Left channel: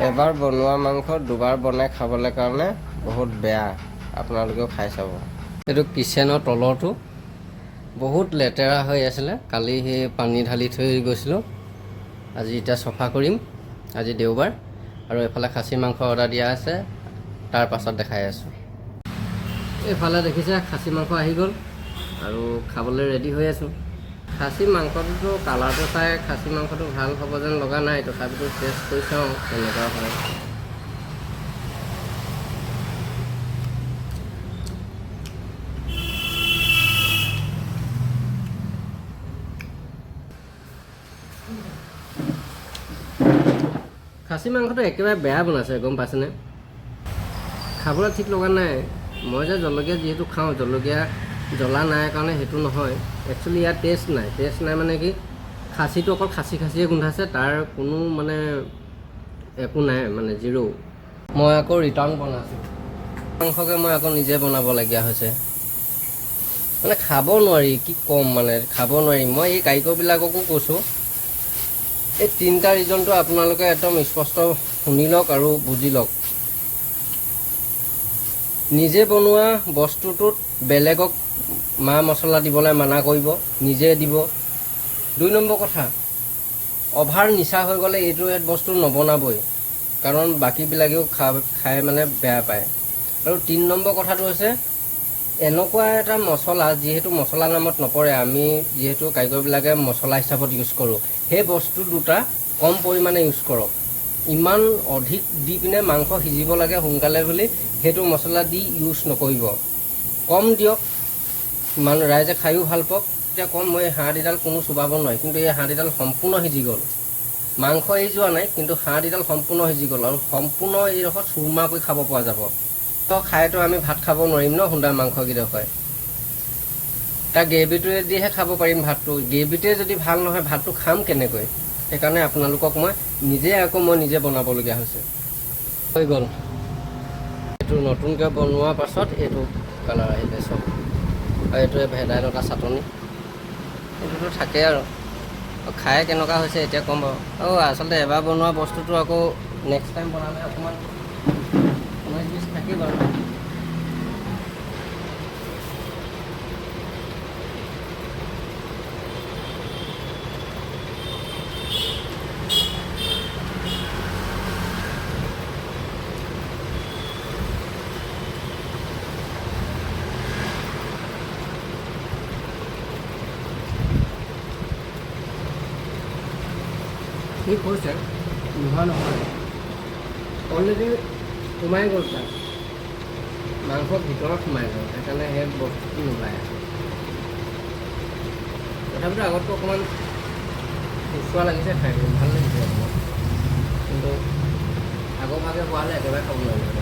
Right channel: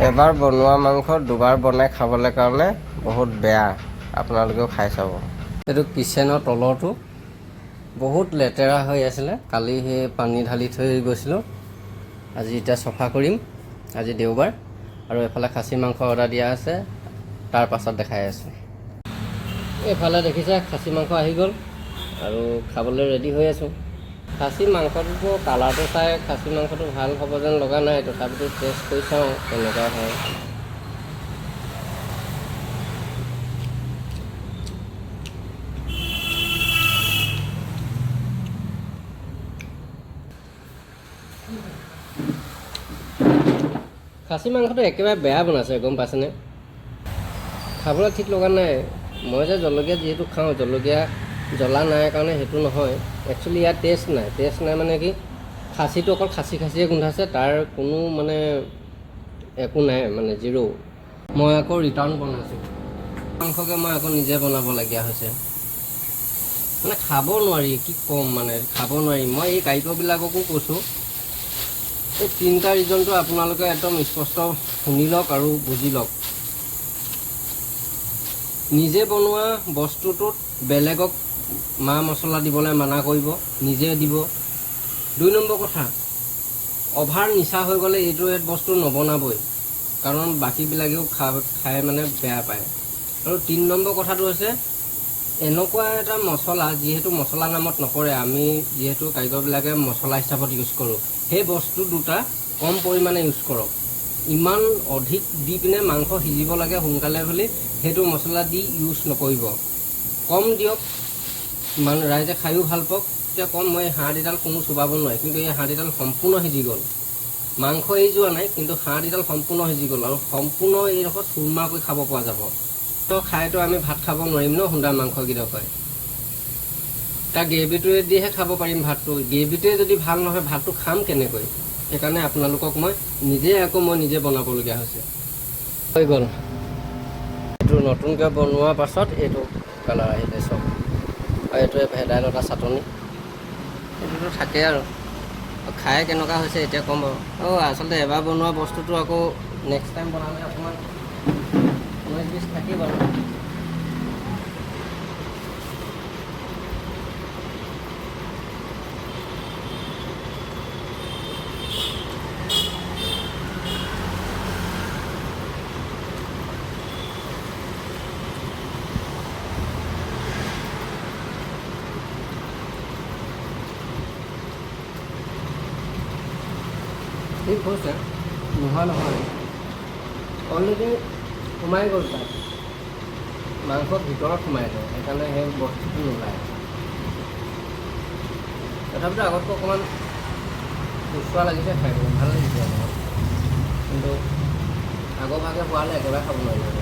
এবাৰ বনোৱা মাংস দুবাৰ বনাই খাবলৈ কাৰণে বহুত বেয়া। আপোনালোকেও খাই চাব। এইটো কিচেনৰ তলৰটো বহুত লেতেৰা হৈ আছিলে। কালি সেই পানী ঢালি থৈ গৈছিলোঁ। আজি এতিয়া চফা কৰিম। আজি দেওবাৰ আৰু এফালে খাচী মাংস অৰ্ডাৰ দিয়া আছে, তাৰ পাছত দেখাই আছোঁ। এইফালে দেখিছে খাচী মাংস আহি গ'ল আৰু খাবলৈ ৰেডি হৈ আছোঁ। খাচী মাংসটোতো কালাৰটো চাই খাচী মাংসটো ভাল হ'ব যেন লগা নাই, তথাপিতো টেষ্ট কৰি চাওঁ কেনেকুৱা হয়। খাচী মাংসটো একেবাৰে বেয়া বনাইছে, গম পাইছেনে? খাবলৈ ঠিক লগা নাই। মই যে জলকীয়া যিহেতু খাওঁ, জলকীয়া জ্বলা নাই কাৰণে সেইটো নহয়। একচুৱেলি ইয়াত টেষ্ট নাই মানে কি, খাচীটো অকল খাচীয়ে গোন্ধাইছে, তাৰ কোনো মানে একো নাই, মানে জিৰ'। মই আকৌ ৰিটাৰ্ণ বনাইছোঁ মাংসকে, মই আকৌ নিজে বনাবলগীয়া হৈছে। মানে খাব নোৱাৰি, কি ক'ম, মানে খাব নোৱাৰি। মই এই কাৰিকৰবিলাককো কৈছোঁ, এই 3টা ৰিজনটো আপোনালোকে একদম স্পষ্ট শুনি লওক আৰু বুজি লওক। নিজে বনোৱা বস্তুটোত বেলেগক মা মছলা দিবলৈ মানা কৰিব, নিজে দিব। 2 নম্বৰ কথা, অভাৰ নিচা হৈ গ'লে এইটো বস্তু নবনাবই, কাৰণ বাকীবিলাকেও খাই মানে বেয়া পায়। আৰু 3 নম্বৰ কথাটো হৈছে, এনেকুৱা এটা মছলা যিহেতু মছলা নামত নপৰে, আমি যিহেতু কাৰিকৰবিলাকে মছলা হিচাপত ইউজ কৰোঁ, সেই বস্তু দুটা কম পৰিমাণে ইউজ কৰক। ইমান অধিক দি পিনে মাংস সিজিব লাগে সোনকালে বুলি সেইটো মছলা দি ইউজ নকৰিব। কম দিয়ক, মানে ৰাইজে খায়ো ভাল পাওক। এতিয়া কম, মই হাড়দিডাল কোনো চুবাব নোৱাৰি, কিন্তু এই হাড়দিডাল সম্পূৰ্ণ সিজি গ'ল। মাংস এৰি যোৱা নাই, কিন্তু হাড়দিডাল সম্পূৰ্ণ সিজি গ'ল আৰু সম্পূৰ্ণ এইডোখৰ চুৰমা কৰি খাব পৰা যাব। তো খাইতো আমি ভাত খাব নোৱাৰিম ন, সুন্দা মাংসকেইটা পাই। তাৰ গ্ৰেভিটোৱে দিহে খাব পাৰিম ভাতটো। গ্ৰেভিটোৱে যদি ভাল নহয়, ভাতটো খাম কেনেকৈ? সেইকাৰণে আপোনালোকক মই নিজে বনাবলগীয়া হৈছে। হৈ গ'ল। এইটো নতুনকৈ বনোৱাৰ পাছত এইটো কালাৰ আহিলে চব। আৰু এইটোৱে ভেদাইলতা চাটনি, এইটোতো থাকেই আৰু খাই কেনেকুৱা হৈছে এতিয়া ক'ম বাৰু। আচলতে এবাৰ বনোৱা বস্তুটো আকৌ নেক্সট টাইম বনালে অকণমান 19-20 থাকেই বাৰু। ঠিক হৈছে, নহয় অলৰেডি সোমাই গ'ল তাত, মাংসৰ ভিতৰত সোমাই গ'ল, সেইকাৰণে সেই বস্তুটো নোলায়। তথাপিতো আগতকৈ অকণমান সুচোৱা লাগিছে, খাই ভাল লাগিছে অকণমান, কিন্তু আগৰ ভাগে হোৱালে একেবাৰে খাব নোৱাৰিলে।